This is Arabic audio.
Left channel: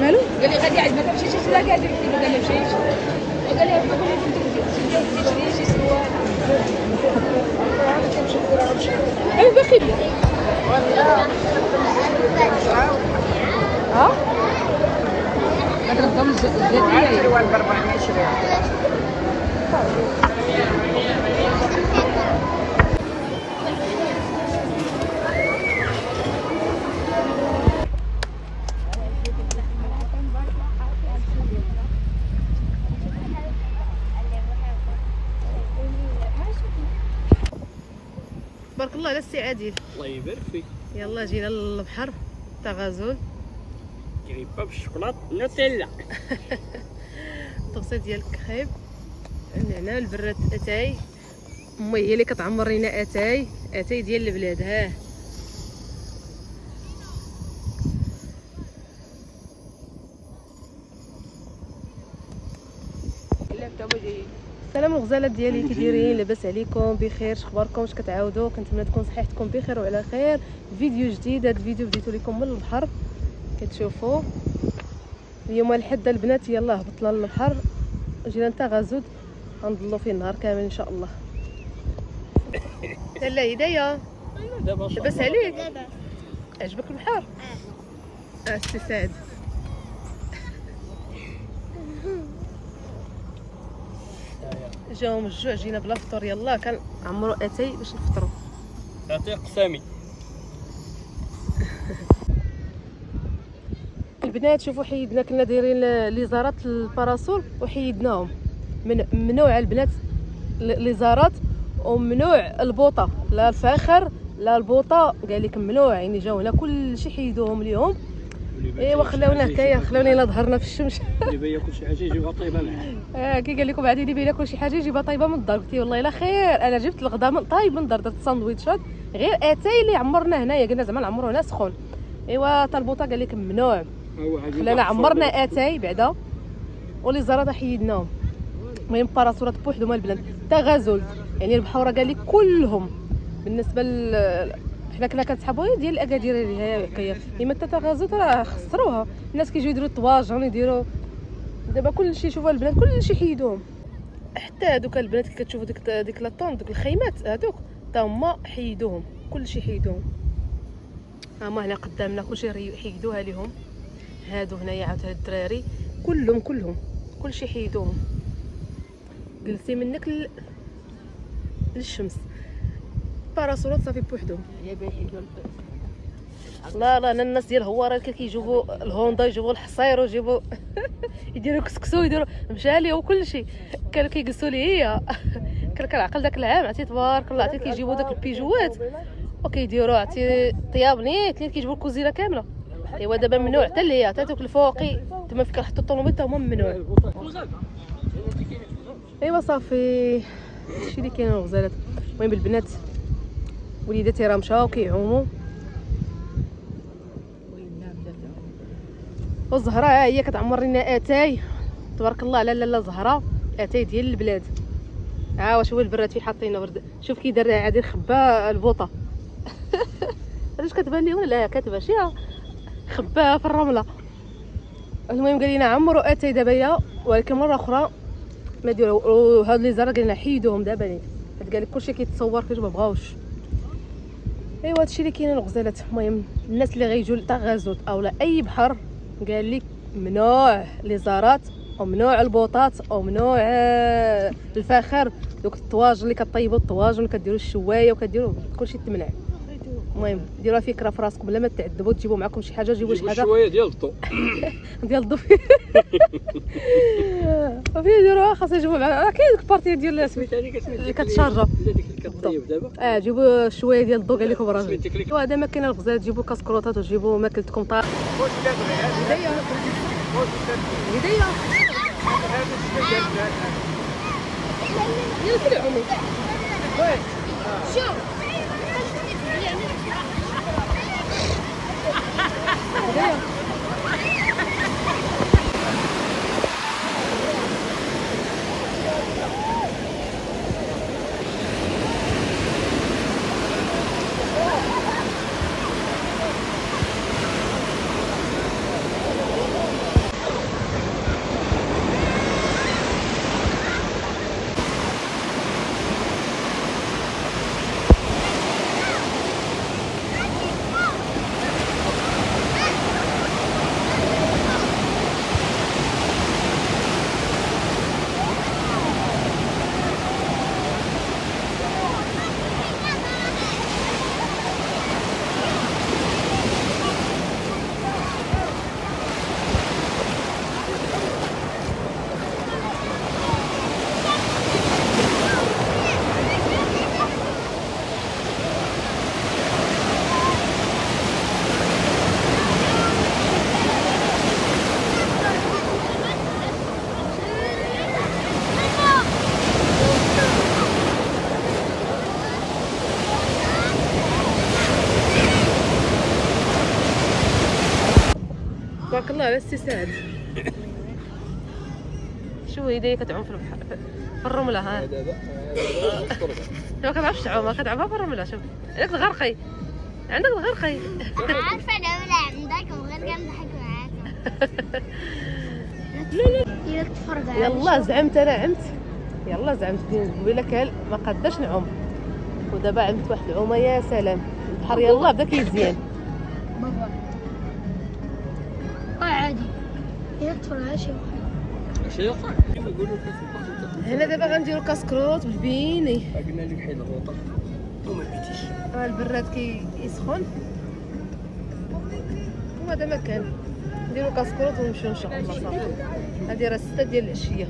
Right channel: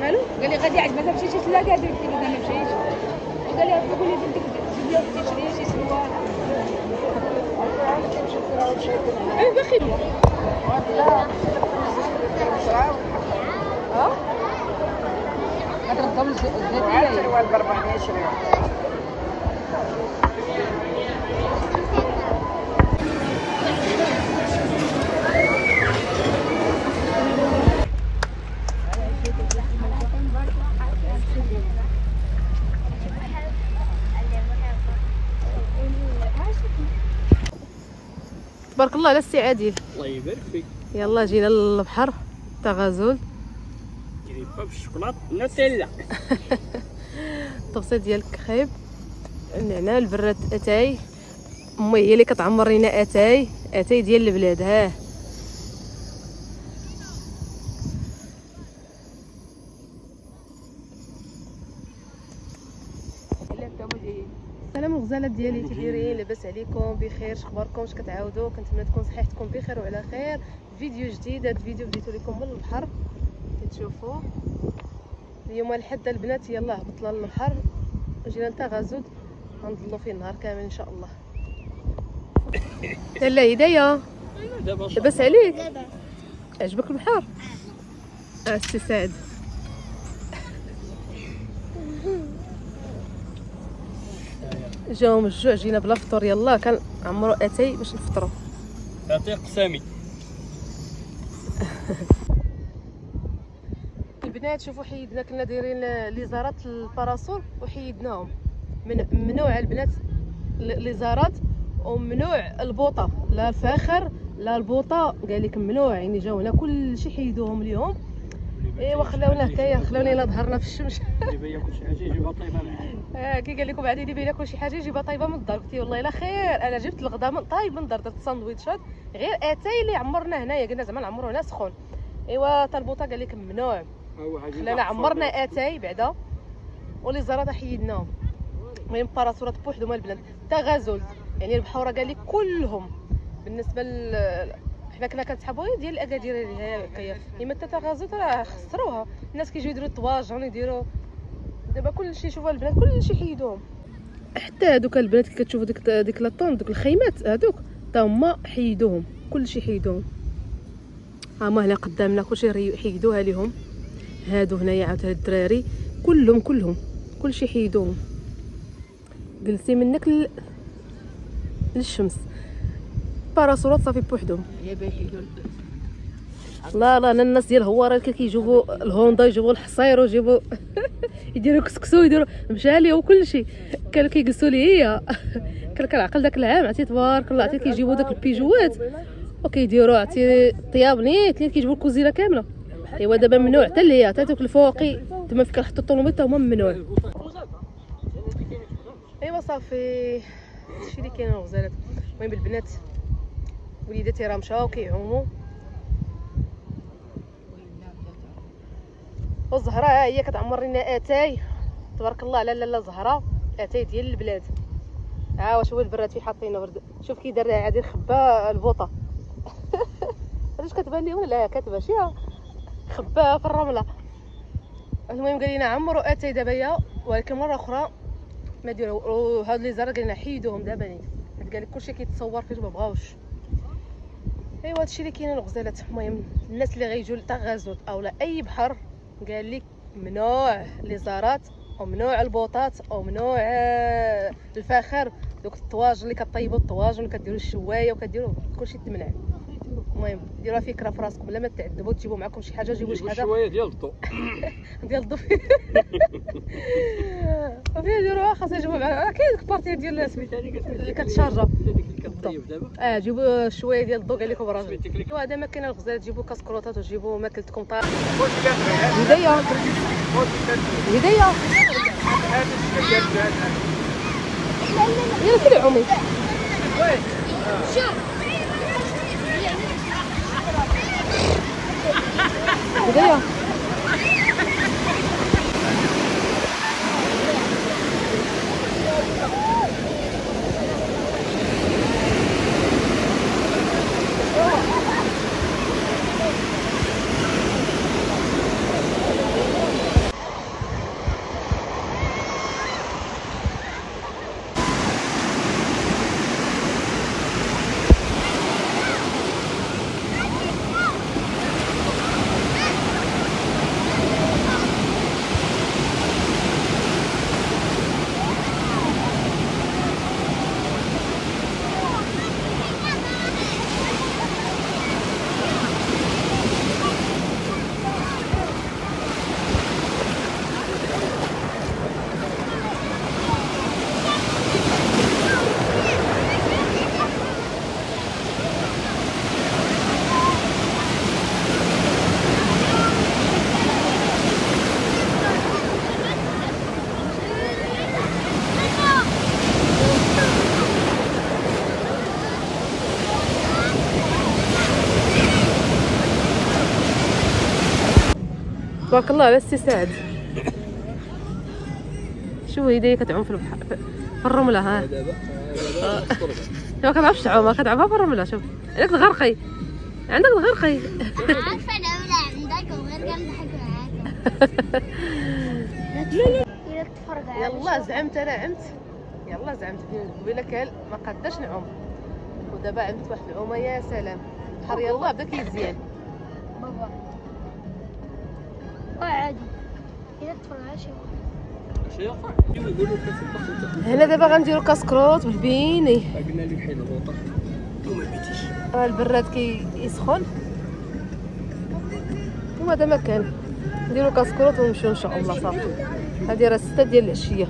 مالو؟ قال لي غادي عاد ما تمشيش لا قاعد يقول لي ما مشيتش. قال لي هبط ولا تشري شي سروال. اي باخي ليا. ها؟ هذا الضم زيتي سروال ب 400 تبارك الله على السي عادل. الله يبارك فيك. يلا جينا للبحر تاع غازول. كريبه بالشوكولاط نوتيلا. الطبسه ديال الكخيب، النعناع، البراد اتاي. امي هي اللي كتعمر لينا اتاي ديال البلاد. ها السلام الغزالات ديالي، كي دايرين؟ لاباس عليكم؟ بخير؟ اخباركم؟ اش كتعاودوا؟ كنتمنى تكون صحتكم بخير وعلى خير. فيديو جديد. هذا الفيديو بديتو لكم من البحر كتشوفوا. اليوم الحد البنات يلا هبطنا للبحر، جينا نتا غازود غنضلوا فيه النهار كامل ان شاء الله. لا هدايا لاباس عليك؟ عجبك البحر؟ سي سعد. جاهم الجوع، جينا بلا فطور. يلا كنعمروا اتاي باش نفطروا. اتاي قسامي. البنات شوفوا حيدنا، كنا دايرين ليزارات الباراسول وحيدناهم. ممنوع البنات ليزارات وممنوع البوطه، لا الفاخر لا البوطه، قال لك ممنوع. يعني جاو هنا كلشي حيدوهم ليهم. ايوا خلاونا هكايا، خلاونا الا ظهرنا في الشمس. اللي بيا كلشي حاجه يجيبها طيبه معاه. كي قال لكم عادي اللي بينا كلشي حاجه يجيبها طايبه من الدار. قلتي والله الا خير، انا جبت الغدا من طايب من الدار، درت ساندويتشات غير اتاي اللي عمرنا هنايا، قلنا زعما نعمرو هنا سخون. ايوا طلبوطه قال لك ممنوع، خلانا عمرنا اتاي بعدا ولي زرادة حيدناهم. المهم باراسورات بوحدهم البلاد تا غازول، يعني البحوره قال لك كلهم. بالنسبه حنا كنا كنسحبوا ديال الاكادير اللي هي هكايا، اما تا غازول راه خسروها. الناس كيجيو يديروا الطواجن يديروا دابا كلشي. شوفوا البنات كلشي حيدوهم، حتى هذوك البنات اللي كتشوفوا ديك لاطون دوك الخيمات هذوك تا هما حيدوهم، كلشي حيدوهم. ها هما هنا قدامنا كلشي حيدوها ليهم. هادو هنايا عاود هاد الدراري كلهم كلشي حيدوهم. جلسي منك للشمس. باراسولات صافي بوحدهم. لا انا الناس ديال هواره كيجيبوا الهوندا، يجيبوا الحصير ويجيبوا يديروا كسكسو، يديروا مشالي وكلشي. كانوا كيجلسوا لي هي كنعقل داك العام عرفتي تبارك الله، عرفتي كيجيبوا داك البيجوات وكيديروا عرفتي طياب نيت كيجيبوا الكوزينه كامله. ايوا دابا ممنوع حتى اللي هي حتى دوك الفوقي تما فين كنحطوا الطوموبيل هما ممنوع. ايوا صافي هادشي اللي كاين الغزالات. المهم البنات وليداتي راه مشاو كيعوموا، والزهره ها هي كتعمر لنا اتاي تبارك الله على لاله زهره، اتاي ديال البلاد. ها واش هو البراد فين حاطينه ورد. شوف كي دار عادي خبا البوطه. علاش كتبان لي ولا لا كاتبه شي خباها في الرمله. المهم قال لنا عمروا اتاي دابا يا، ولكن مره اخرى ما ديروا هاد لي زرا قال لنا حيدوهم دابا لي. حيت قال لك كلشي كيتصور فاش ما بغاوش. ايوا هادشي اللي كاين الغزالات. المهم الناس اللي غيجوا لتا غازوت او لا اي بحر قال لك ممنوع لي زارات وممنوع البوطات وممنوع الفاخر، دوك الطواجن اللي كطيبوا الطواجن كديروا الشوايه وكديروا كلشي تمنع. المهم ديروها فكره في راسكم بلا ما تعذبوا، تجيبوا معكم شي حاجه، جيبوا شي حاجه الشوايه ديال الضو ديال الضو فين ديروها خاصها يجيبوا معاها. كاين ديك البارتي ديال اللي كتشارجا دابا. جيبوا شويه ديال الضو قال لكم راجل. وهذا ما كاين الغزال، تجيبوا كاسكروطات وتجيبوا ماكلتكم طارق. هدايا يلا سيري عمي. شوف هدايا الله على السي سعد. شوف هي كتعوم في البحر في الرمله. ها ما كتعرفش تعوم، كتعومها في الرمله. شوف عندك الغرقي، عندك الغرقي. عارفه العمله عندك وغير كنضحك معاك. يلا تفرج. يلا زعمت انا عمت، يلا زعمت قبيله كان ما قداش نعوم، ودابا عملت واحد العومه يا سلام. البحر يلا بدا كيزيان. بابا عادي يلا تفرج. شي هنا دابا غنديرو كاسكروط بالبيني. قلنا لك حيد الغوطه وما بغيتيش. البراد كيسخن وهذا مكان نديرو كاسكروط ونمشيو ان شاء الله. صافي هذه راه 6 ديال العشيه.